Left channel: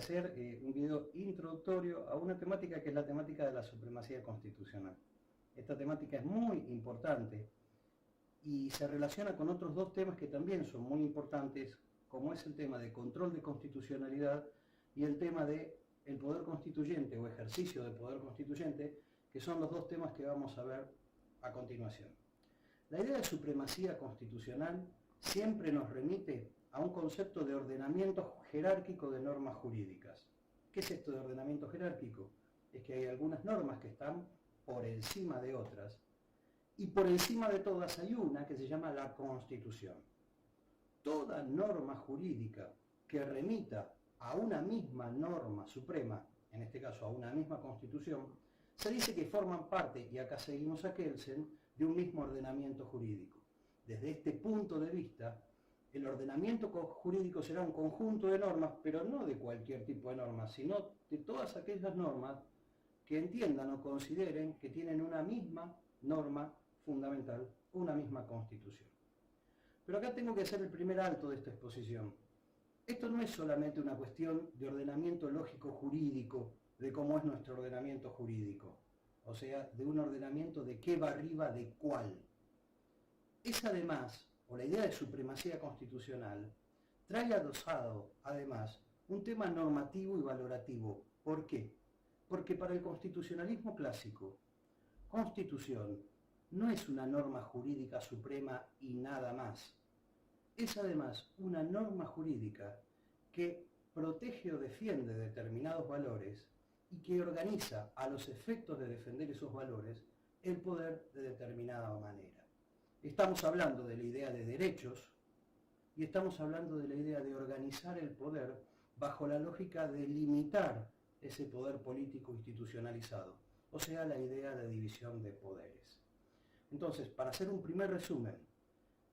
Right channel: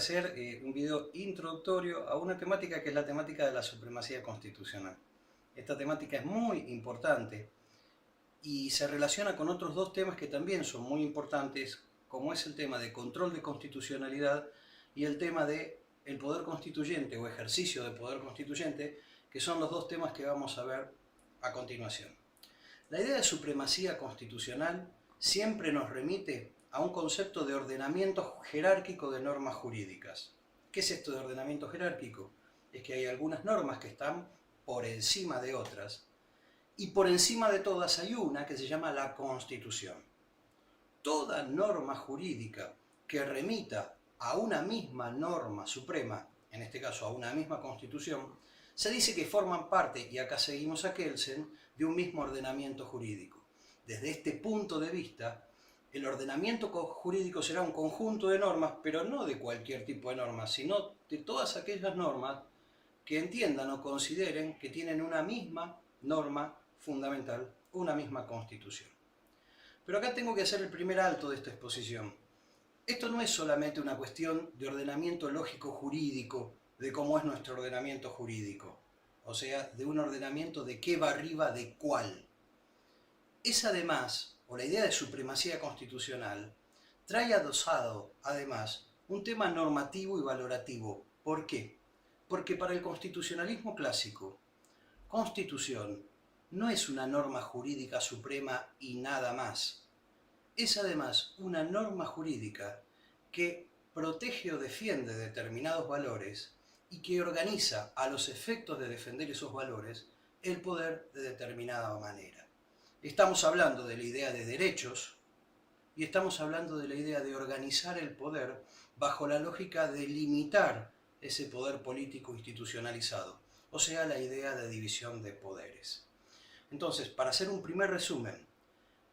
hacer un video introductorio a una temática que es la temática de la supremacía constitucional. Esta temática es muy importante y se relaciona con otros dos temas que también son muy importantes, como es el tema de control de constitucionalidad y el tema de el poder constituyente o ejercicio de poder constituyente, que son los dos temas que vamos a ver a continuación. La idea de supremacía constitucional siempre nos remite a un concepto de ordenamiento jerárquico de normas jurídicas. ¿Qué es esto de ordenamiento jerárquico? Es que hay algunas normas que están por encima de otras, y por encima de todas hay una que se llama la Constitución. Toda norma jurídica que remita a una misma norma suprema, en este caso a una misma Constitución, se dice que forman parte, y acá seguimos a Kelsen, de un mismo ordenamiento jurídico. Desde este punto de vista, el ordenamiento jurídico será un conjunto de normas, pero no de cualquier tipo de normas, sino de todas aquellas normas que entiendan o consideren que tienen una misma norma fundamental, una misma Constitución. Pero acá tengo que hacer el primer alto de esta exposición. Esto no es solamente una cuestión de ordenamiento lógico jurídico, de cómo es nuestro ordenamiento jurídico, o sea, de un ordenamiento de qué va arriba de cuál. Es además, o la idea de supremacía constitucional, trae adosado, además, un tema normativo y valorativo. ¿Por qué? Porque para el constitucionalismo clásico, Constitución no es una norma jurídica suprema y nada más. Es además una norma jurídica que protege o defiende determinados valores y que organiza, a los efectos de defender esos valores, el poder de determinada manera. Estamos hablando de la idea de derechos y estamos hablando de la idea de organizar el poder bajo la lógica de limitar ese poder político institucionalizado, o sea, la idea de división de poderes. Entonces, para hacer un primer resumen,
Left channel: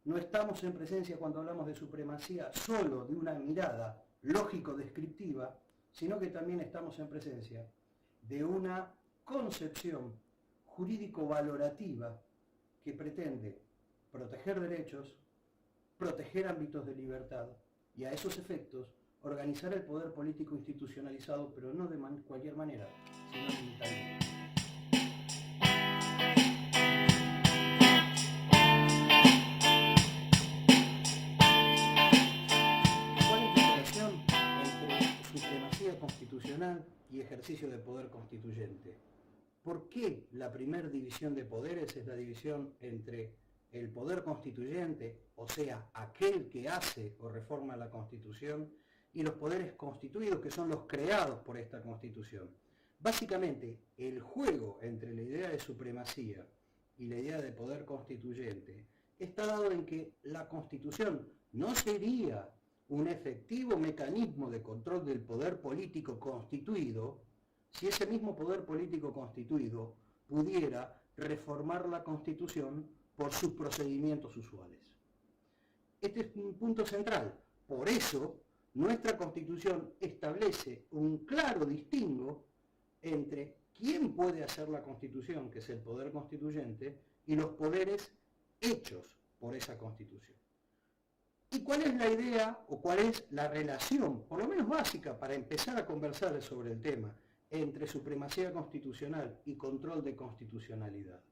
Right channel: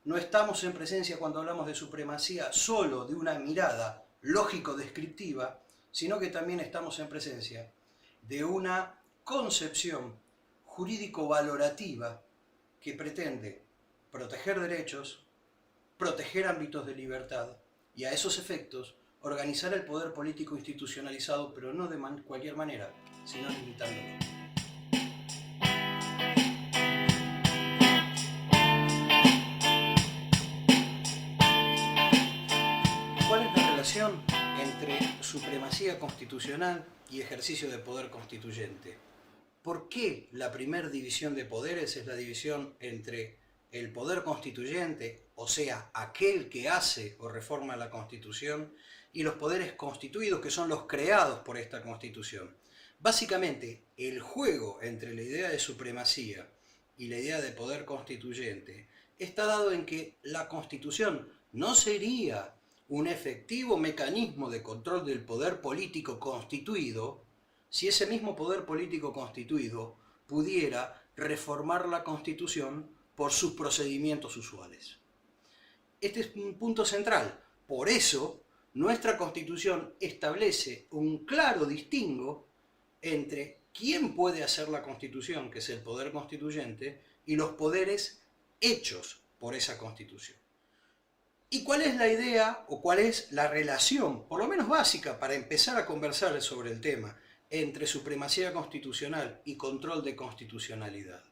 no estamos en presencia cuando hablamos de supremacía solo de una mirada lógico-descriptiva, sino que también estamos en presencia de una concepción jurídico-valorativa que pretende proteger derechos, proteger ámbitos de libertad y a esos efectos organizar el poder político institucionalizado, pero no de cualquier manera, sino limitándolo. ¿Cuál es la relación entre supremacía constitucional y ejercicio de poder constituyente? ¿Por qué la primera división de poderes es la división entre el poder constituyente, o sea, aquel que hace o reforma la Constitución, y los poderes constituidos, que son los creados por esta Constitución? Básicamente, el juego entre la idea de supremacía y la idea de poder constituyente está dado en que la Constitución no sería un efectivo mecanismo de control del poder político constituido si ese mismo poder político constituido pudiera reformar la Constitución por sus procedimientos usuales. Este es un punto central. Por eso, nuestra Constitución establece un claro distingo entre quién puede hacer la Constitución, que es el poder constituyente, y los poderes hechos por esa Constitución. ¿Y cuál es la idea o cuál es la relación, por lo menos básica, para empezar a conversar sobre el tema, entre supremacía constitucional y control de constitucionalidad?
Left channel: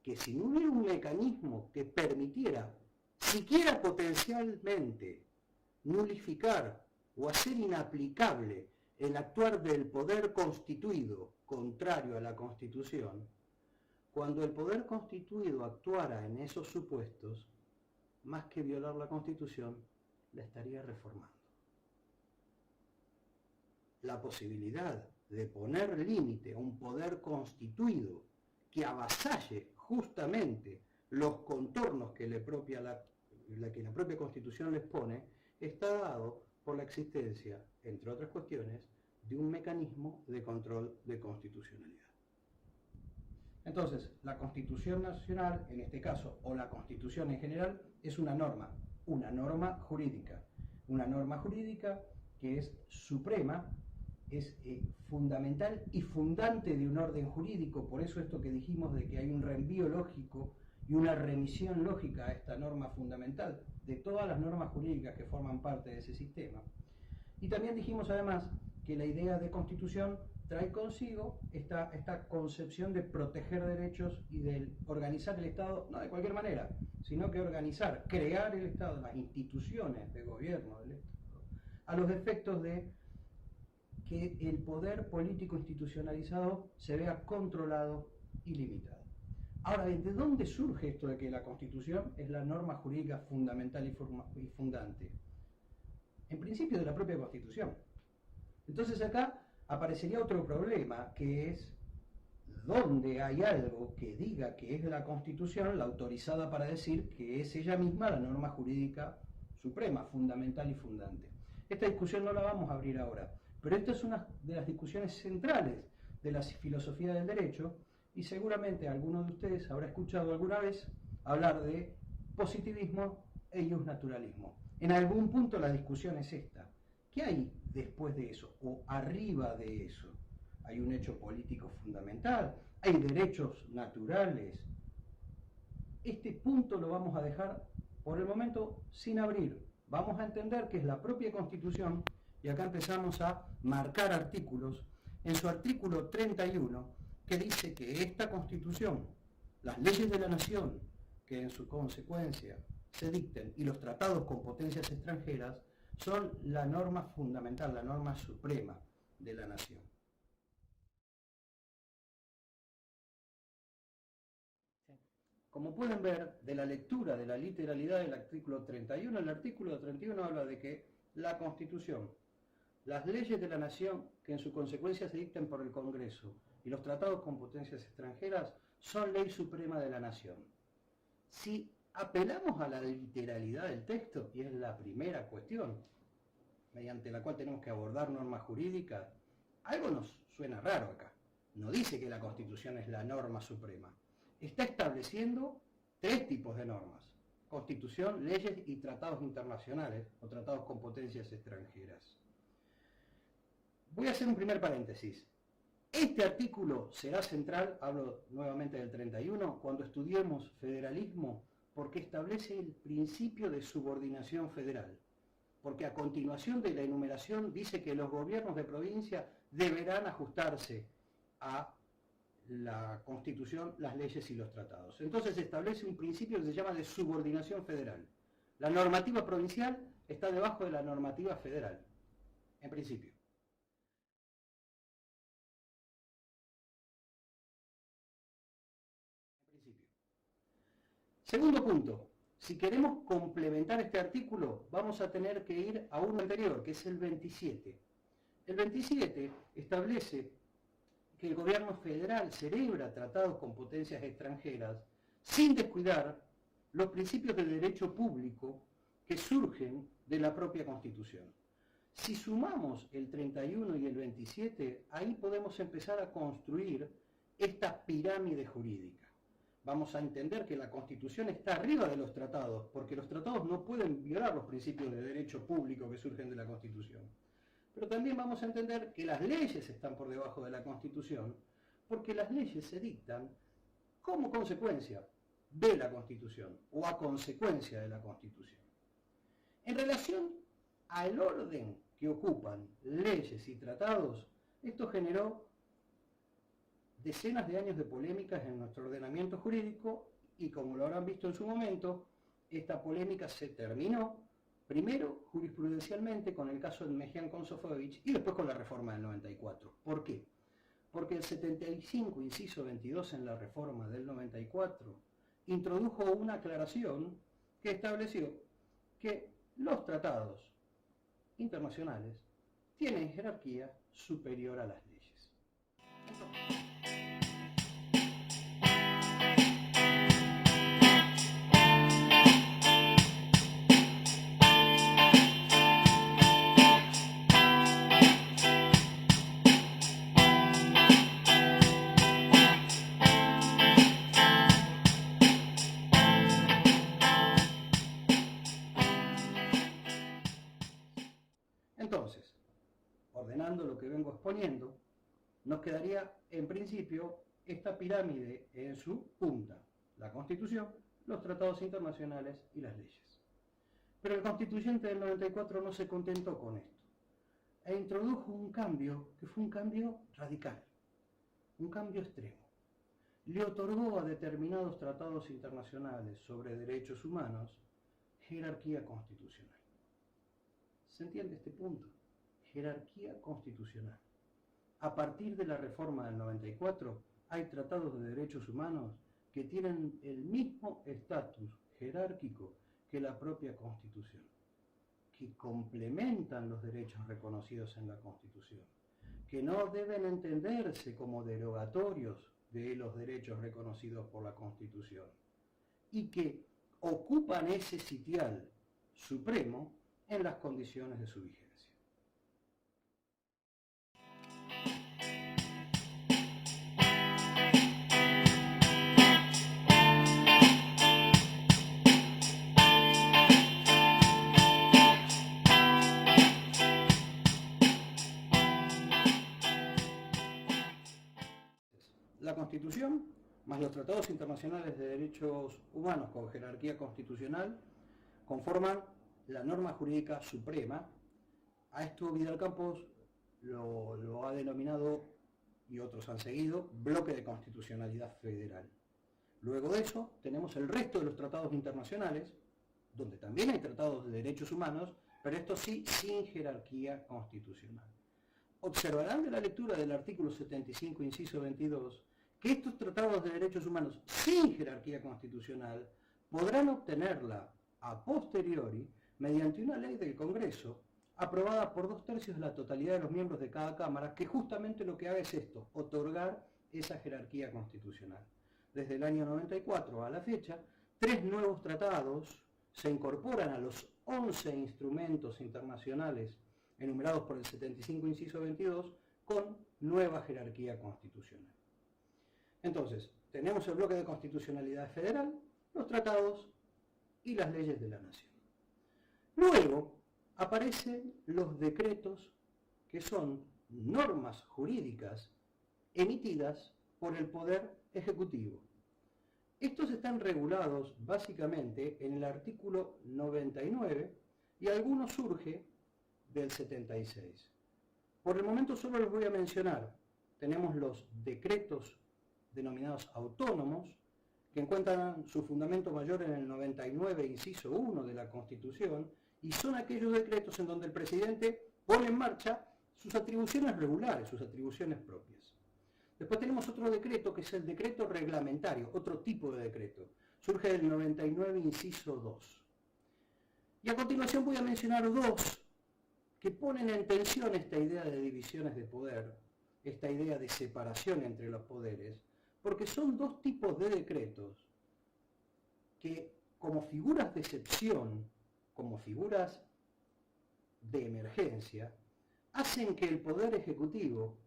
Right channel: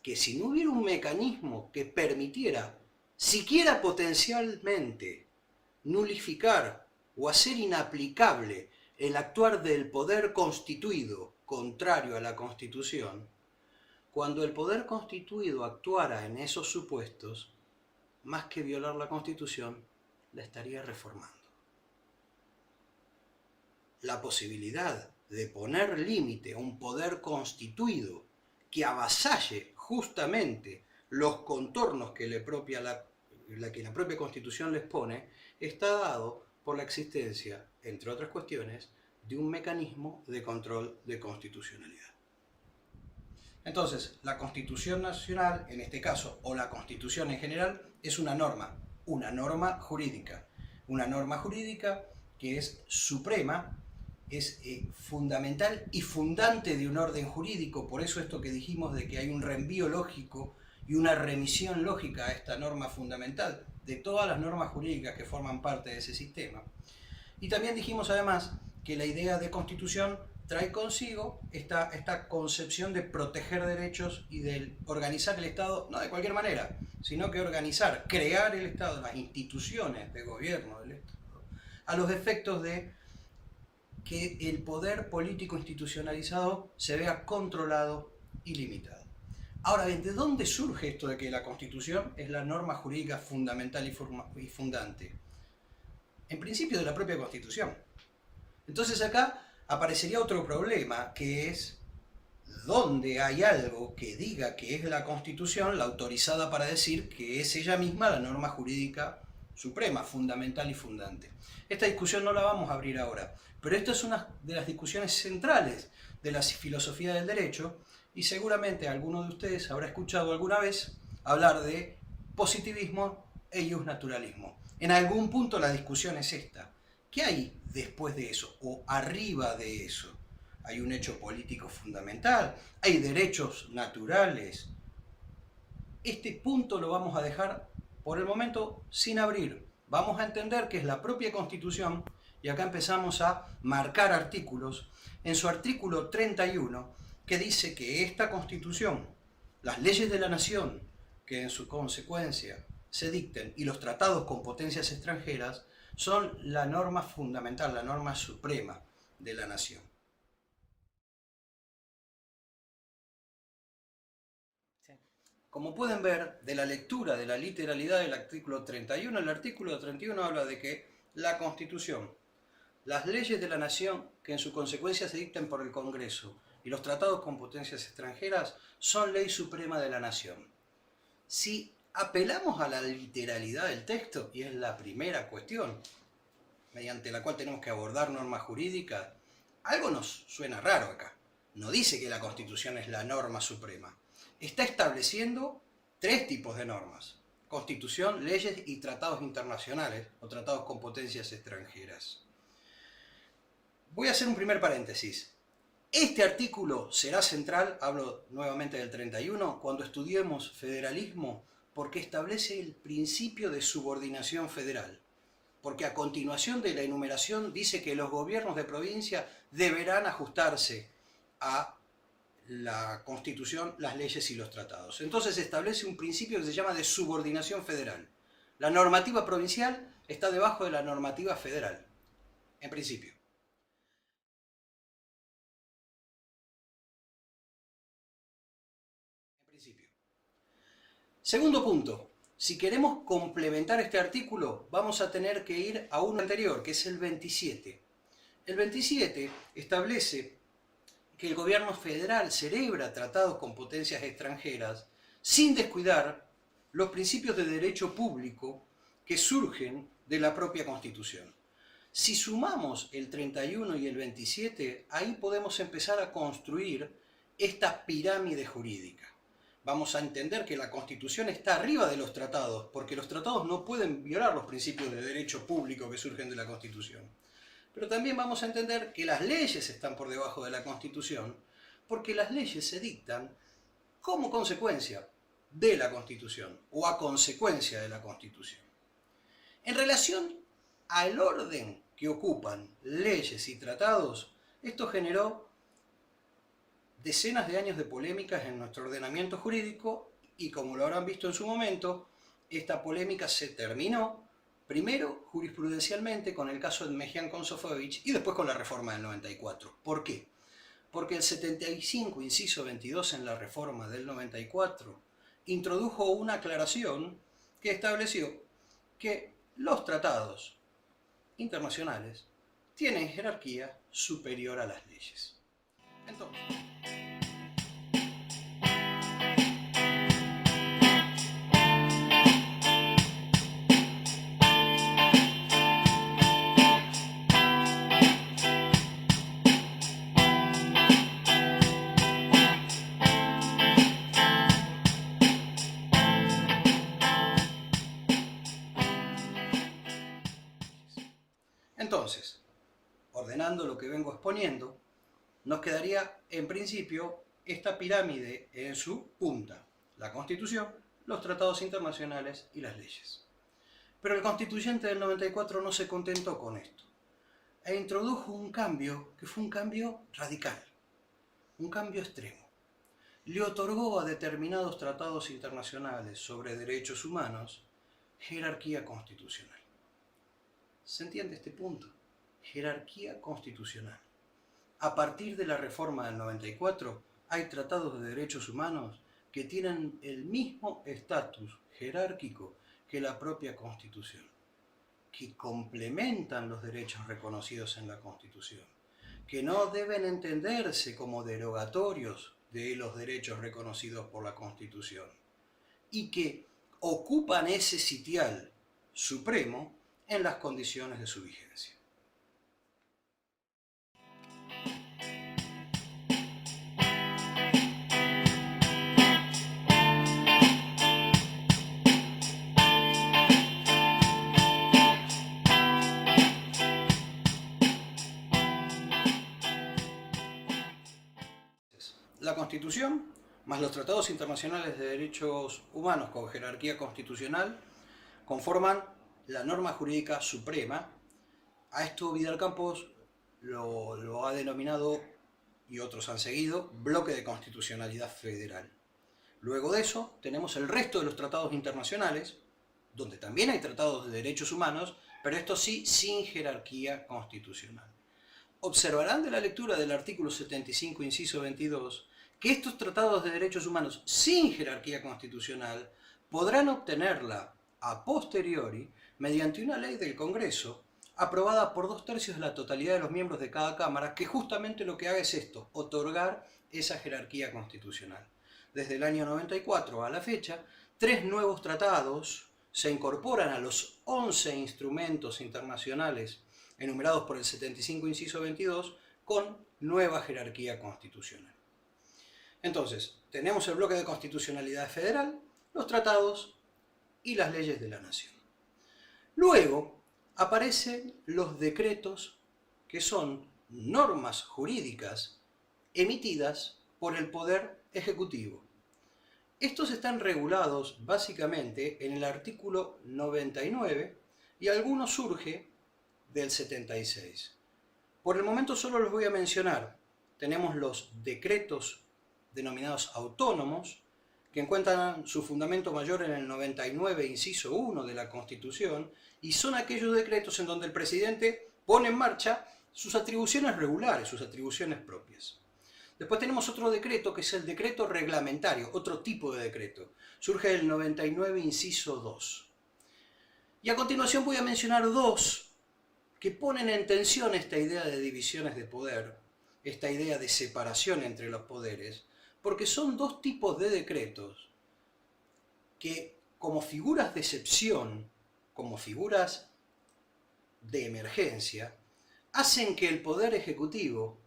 Que si no hubiera un mecanismo que permitiera, siquiera potencialmente, nulificar o hacer inaplicable el actuar del poder constituido contrario a la Constitución, cuando el poder constituido actuara en esos supuestos, más que violar la Constitución, la estaría reformando. La posibilidad de poner límite a un poder constituido que avasalle justamente los contornos que la propia Constitución les pone, está dado por la existencia, entre otras cuestiones, de un mecanismo de control de constitucionalidad. Entonces, la Constitución Nacional, en este caso, o la Constitución en general, es una norma jurídica que es suprema, es fundamental y fundante de un orden jurídico. Por eso esto que dijimos de que hay un reenvío lógico y una remisión lógica a esta norma fundamental de todas las normas jurídicas que forman parte de ese sistema. Y también dijimos además que la idea de constitución trae consigo esta concepción de proteger derechos y de organizar el Estado, no de cualquier manera, sino que organizar, crear el Estado, las instituciones de gobierno del Estado, a los efectos de que el poder político institucionalizado se vea controlado y limitado. Ahora bien, ¿de dónde surge esto de que la Constitución es la norma jurídica fundamental y fundante? En principio de la propia Constitución. Entonces acá aparecería otro problema, que es ¿dónde hay algo que diga que es la Constitución la autorizada para decir que es ella misma la norma jurídica suprema, fundamental y fundante? Esta discusión no la vamos a abrir ahora, pero esta es una de las discusiones centrales de la filosofía del derecho, y seguramente alguno de ustedes habrá escuchado alguna vez hablar de positivismo e iusnaturalismo. En algún punto la discusión es esta. ¿Qué hay después de eso o arriba de eso? Hay un hecho político fundamental, hay derechos naturales. Este punto lo vamos a dejar por el momento sin abrir. Vamos a entender que es la propia Constitución, y acá empezamos a marcar artículos. En su artículo 31, que dice que esta Constitución, las leyes de la nación, que en su consecuencia se dicten, y los tratados con potencias extranjeras, son la norma fundamental, la norma suprema de la nación. Como pueden ver de la lectura, de la literalidad del artículo 31, el artículo 31 habla de que la Constitución, las leyes de la nación que en su consecuencia se dicten por el Congreso y los tratados con potencias extranjeras son ley suprema de la nación. Si apelamos a la literalidad del texto, y es la primera cuestión mediante la cual tenemos que abordar normas jurídicas, algo nos suena raro acá. No dice que la Constitución es la norma suprema. Está estableciendo tres tipos de normas: Constitución, leyes y tratados internacionales o tratados con potencias extranjeras. Voy a hacer un primer paréntesis. Este artículo será central, hablo nuevamente del 31, cuando estudiemos federalismo, porque establece el principio de subordinación federal. Porque a continuación de la enumeración dice que los gobiernos de provincia deberán ajustarse a la Constitución, las leyes y los tratados. Entonces establece un principio que se llama de subordinación federal. La normativa provincial está debajo de la normativa federal, en principio. Segundo punto, si queremos complementar este artículo, vamos a tener que ir a uno anterior, que es el 27. El 27 establece que el gobierno federal celebra tratados con potencias extranjeras sin descuidar los principios de derecho público que surgen de la propia Constitución. Si sumamos el 31 y el 27, ahí podemos empezar a construir esta pirámide jurídica. Vamos a entender que la Constitución está arriba de los tratados, porque los tratados no pueden violar los principios de derecho público que surgen de la Constitución. Pero también vamos a entender que las leyes están por debajo de la Constitución, porque las leyes se dictan como consecuencia de la Constitución o a consecuencia de la Constitución. En relación al orden que ocupan leyes y tratados, esto generó decenas de años de polémicas en nuestro ordenamiento jurídico, y como lo habrán visto en su momento, esta polémica se terminó primero jurisprudencialmente con el caso de Mejián con Sofovich y después con la reforma del 94. ¿Por qué? Porque el 75, inciso 22 en la reforma del 94 introdujo una aclaración que estableció que los tratados internacionales tienen jerarquía superior a las leyes. Entonces, ordenando lo que vengo exponiendo, nos quedaría en principio esta pirámide en su punta: la Constitución, los tratados internacionales y las leyes. Pero el constituyente del 94 no se contentó con esto. e introdujo un cambio que fue un cambio radical, un cambio extremo. Le otorgó a determinados tratados internacionales sobre derechos humanos jerarquía constitucional. ¿Se entiende este punto? Jerarquía constitucional. A partir de la reforma del 94, hay tratados de derechos humanos que tienen el mismo estatus jerárquico que la propia Constitución, que complementan los derechos reconocidos en la Constitución, que no deben entenderse como derogatorios de los derechos reconocidos por la Constitución, y que ocupan ese sitial supremo en las condiciones de su vigencia. La Constitución, más los tratados internacionales de derechos humanos con jerarquía constitucional, conforman la norma jurídica suprema. A esto Vidal Campos lo ha denominado, y otros han seguido, bloque de constitucionalidad federal. Luego de eso tenemos el resto de los tratados internacionales, donde también hay tratados de derechos humanos, pero estos sí sin jerarquía constitucional. Observarán de la lectura del artículo 75, inciso 22, que estos tratados de derechos humanos sin jerarquía constitucional podrán obtenerla a posteriori mediante una ley del Congreso aprobada por 2/3 de la totalidad de los miembros de cada Cámara, que justamente lo que haga es esto, otorgar esa jerarquía constitucional. Desde el año 94 a la fecha, 3 nuevos tratados se incorporan a los 11 instrumentos internacionales enumerados por el 75, inciso 22, con nueva jerarquía constitucional. Entonces, tenemos el bloque de constitucionalidad federal, los tratados y las leyes de la nación. Luego aparecen los decretos, que son normas jurídicas emitidas por el Poder Ejecutivo. Estos están regulados básicamente en el artículo 99 y alguno surge del 76. Por el momento solo los voy a mencionar. Tenemos los decretos denominados autónomos, que encuentran su fundamento mayor en el 99, inciso 1 de la Constitución, y son aquellos decretos en donde el presidente pone en marcha sus atribuciones regulares, sus atribuciones propias. Después tenemos otro decreto, que es el decreto reglamentario, otro tipo de decreto. Surge del 99, inciso 2. Y a continuación voy a mencionar dos que ponen en tensión esta idea de divisiones de poder, esta idea de separación entre los poderes, porque son dos tipos de decretos que, como figuras de excepción, como figuras de emergencia, hacen que el Poder Ejecutivo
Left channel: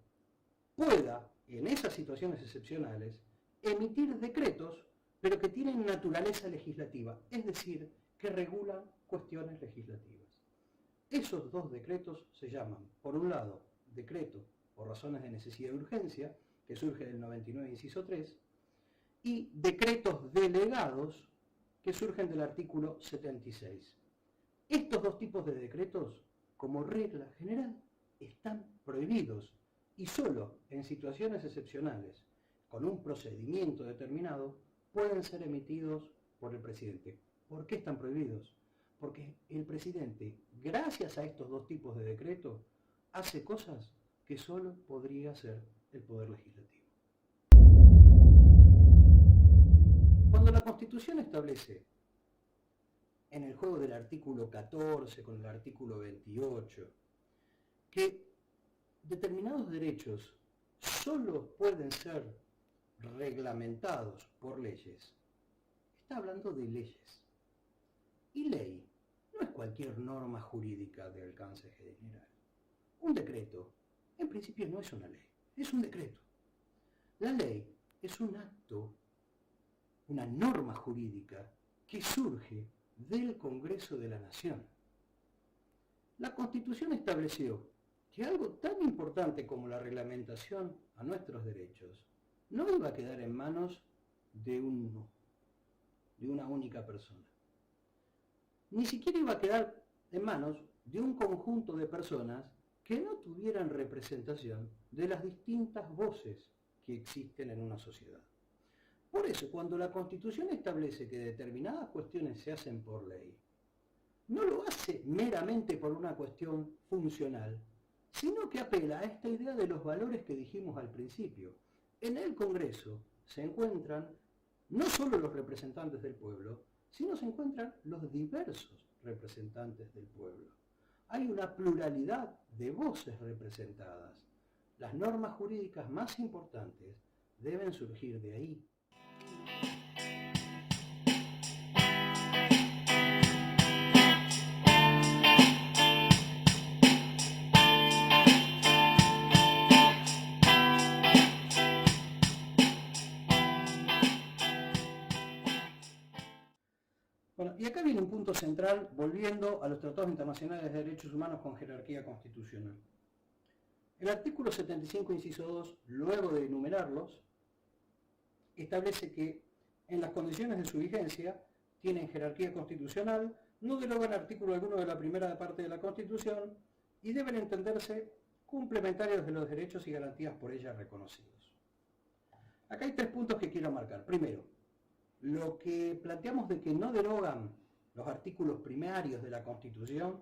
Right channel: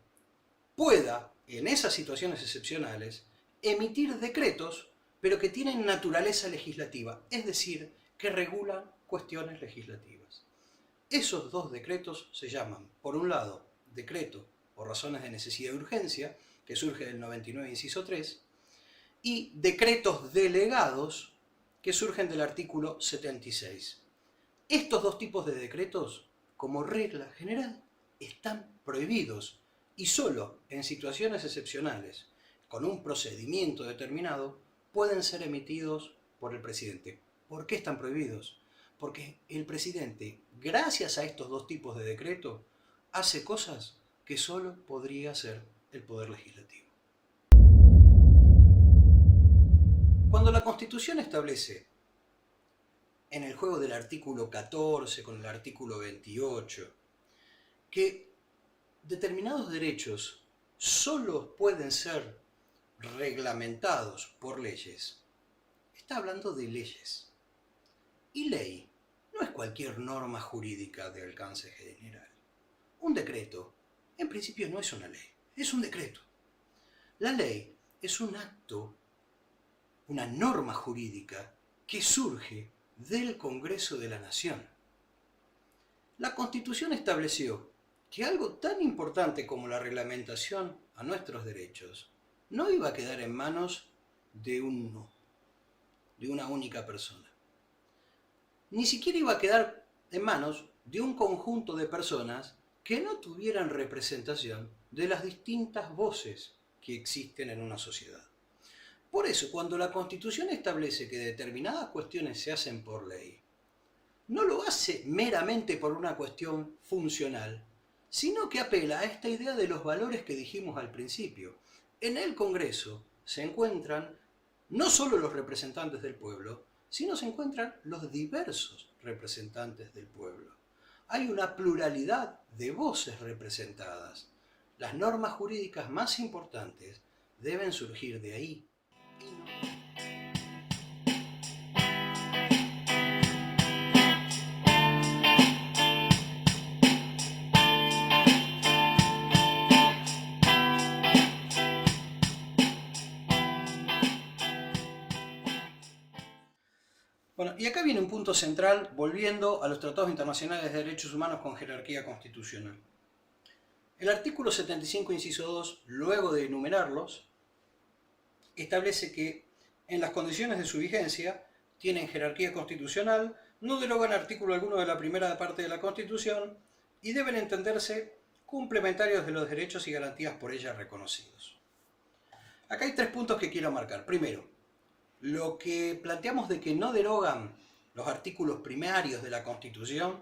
pueda, en esas situaciones excepcionales, emitir decretos, pero que tienen naturaleza legislativa, es decir, que regulan cuestiones legislativas. Esos dos decretos se llaman, por un lado, decreto por razones de necesidad y urgencia, que surge del 99, inciso 3, y decretos delegados, que surgen del artículo 76. Estos dos tipos de decretos, como regla general, están prohibidos y solo en situaciones excepcionales, con un procedimiento determinado, pueden ser emitidos por el presidente. ¿Por qué están prohibidos? Porque el presidente, gracias a estos dos tipos de decreto, hace cosas que solo podría hacer el Poder Legislativo. Cuando la Constitución establece, en el juego del artículo 14 con el artículo 28, que determinados derechos solo pueden ser reglamentados por leyes, está hablando de leyes. Y ley no es cualquier norma jurídica de alcance general. Un decreto, en principio, no es una ley, es un decreto. La ley es un acto, una norma jurídica que surge del Congreso de la Nación. La Constitución estableció que algo tan importante como la reglamentación a nuestros derechos no iba a quedar en manos de una única persona. Ni siquiera iba a quedar en manos de un conjunto de personas que no tuvieran representación de las distintas voces que existen en una sociedad. Por eso, cuando la Constitución establece que determinadas cuestiones se hacen por ley, no lo hace meramente por una cuestión funcional, sino que apela a esta idea de los valores que dijimos al principio. En el Congreso se encuentran no solo los representantes del pueblo, sino se encuentran los diversos representantes del pueblo. Hay una pluralidad de voces representadas. Las normas jurídicas más importantes deben surgir de ahí. Bueno, y acá viene un punto central, volviendo a los tratados internacionales de derechos humanos con jerarquía constitucional. El artículo 75, inciso 2, luego de enumerarlos, establece que en las condiciones de su vigencia tienen jerarquía constitucional, no derogan artículo alguno de la primera parte de la Constitución y deben entenderse complementarios de los derechos y garantías por ella reconocidos. Acá hay 3 puntos que quiero marcar. Primero, lo que planteamos de que no derogan los artículos primarios de la Constitución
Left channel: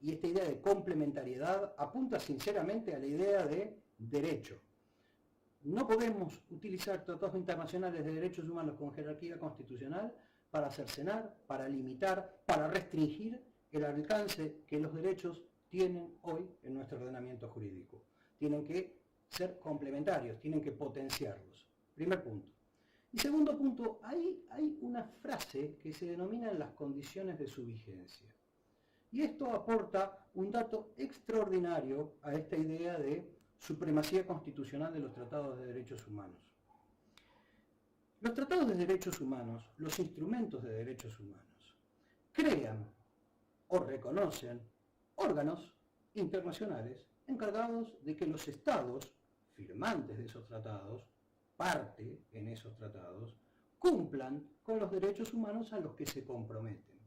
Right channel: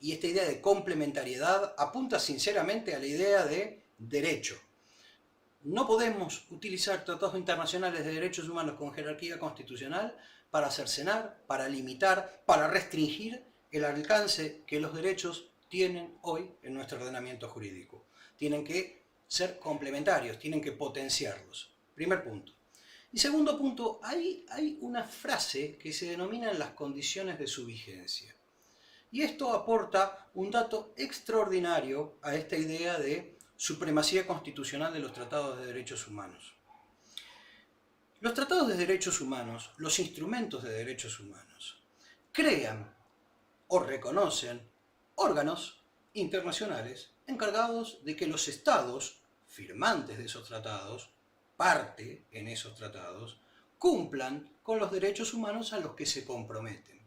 y esta idea de complementariedad apunta sinceramente a la idea de derecho. No podemos utilizar tratados internacionales de derechos humanos con jerarquía constitucional para cercenar, para limitar, para restringir el alcance que los derechos tienen hoy en nuestro ordenamiento jurídico. Tienen que ser complementarios, tienen que potenciarlos. Primer punto. Y segundo punto, hay una frase que se denomina las condiciones de su vigencia. Y esto aporta un dato extraordinario a esta idea de supremacía constitucional de los tratados de derechos humanos. Los tratados de derechos humanos, los instrumentos de derechos humanos, crean o reconocen órganos internacionales encargados de que los estados firmantes de esos tratados, parte en esos tratados, cumplan con los derechos humanos a los que se comprometen.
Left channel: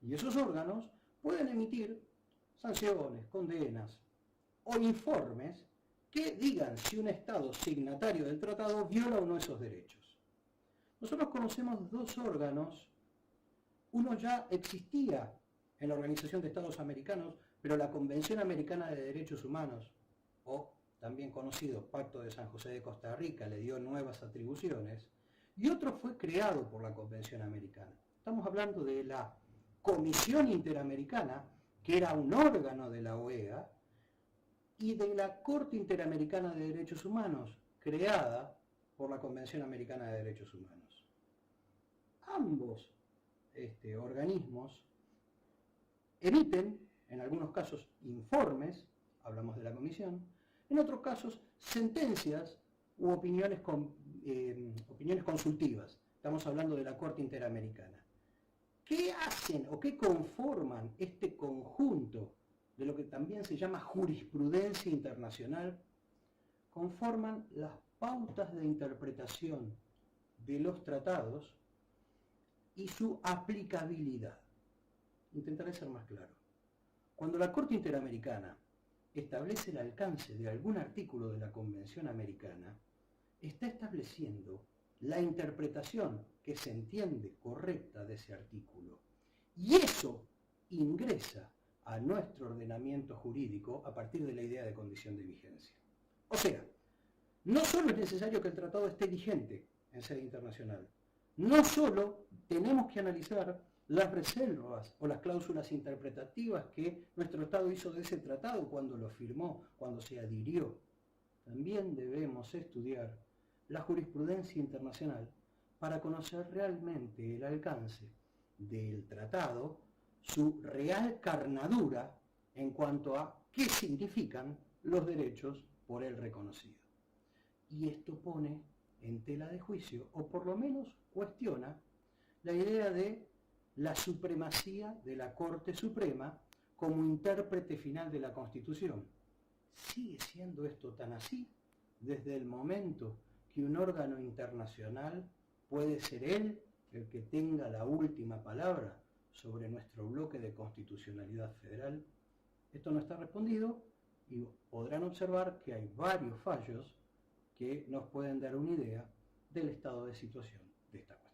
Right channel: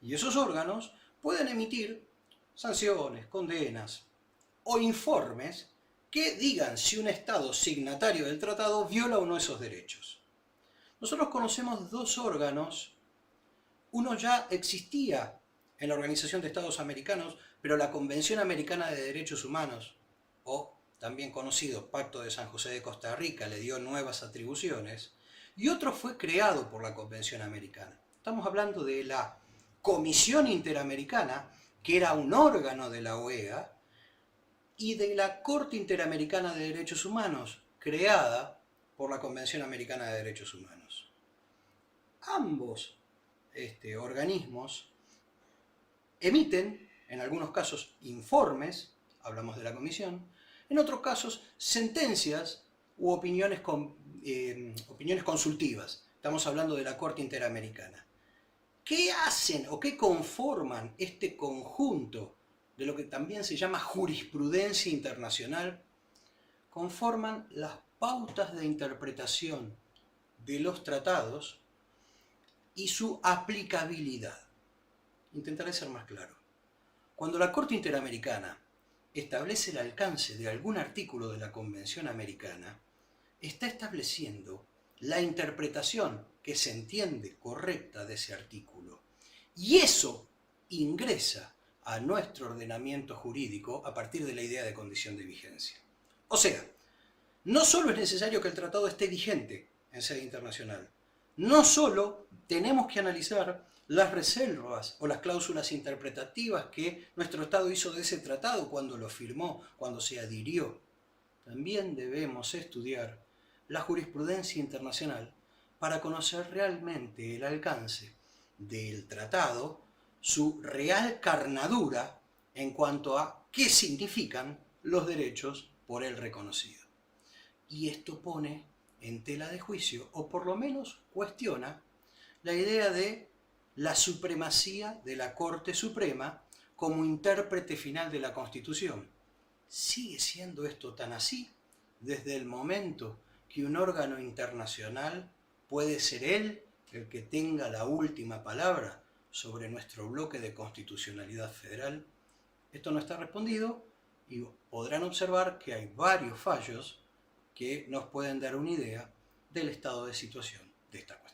Y esos órganos pueden emitir sanciones, condenas o informes que digan si un Estado signatario del tratado viola o no esos derechos. Nosotros conocemos 2 órganos. Uno ya existía en la Organización de Estados Americanos, pero la Convención Americana de Derechos Humanos, o también conocido Pacto de San José de Costa Rica, le dio nuevas atribuciones, y otro fue creado por la Convención Americana. Estamos hablando de la Comisión Interamericana, que era un órgano de la OEA, y de la Corte Interamericana de Derechos Humanos, creada por la Convención Americana de Derechos Humanos. Ambos organismos emiten, en algunos casos, informes, hablamos de la Comisión, en otros casos, sentencias u opiniones consultivas. Estamos hablando de la Corte Interamericana. ¿Qué hacen o qué conforman este conjunto de lo que también se llama jurisprudencia internacional? Conforman las pautas de interpretación de los tratados y su aplicabilidad. Intentaré ser más claro. Cuando la Corte Interamericana establece el alcance de algún artículo de la Convención Americana, está estableciendo la interpretación que se entiende correcta de ese artículo. Y eso ingresa a nuestro ordenamiento jurídico a partir de la idea de condición de vigencia. O sea, no solo es necesario que el tratado esté vigente en sede internacional, no solo tenemos que analizar las reservas o las cláusulas interpretativas que nuestro Estado hizo de ese tratado cuando lo firmó, cuando se adhirió. También debemos estudiar la jurisprudencia internacional para conocer realmente el alcance del tratado, su real carnadura en cuanto a qué significan los derechos por él reconocidos. Y esto pone en tela de juicio, o por lo menos cuestiona, la idea de la supremacía de la Corte Suprema como intérprete final de la Constitución. ¿Sigue siendo esto tan así desde el momento que un órgano internacional puede ser él el que tenga la última palabra sobre nuestro bloque de constitucionalidad federal? Esto no está respondido y podrán observar que hay varios fallos que nos pueden dar una idea del estado de situación de esta cuestión.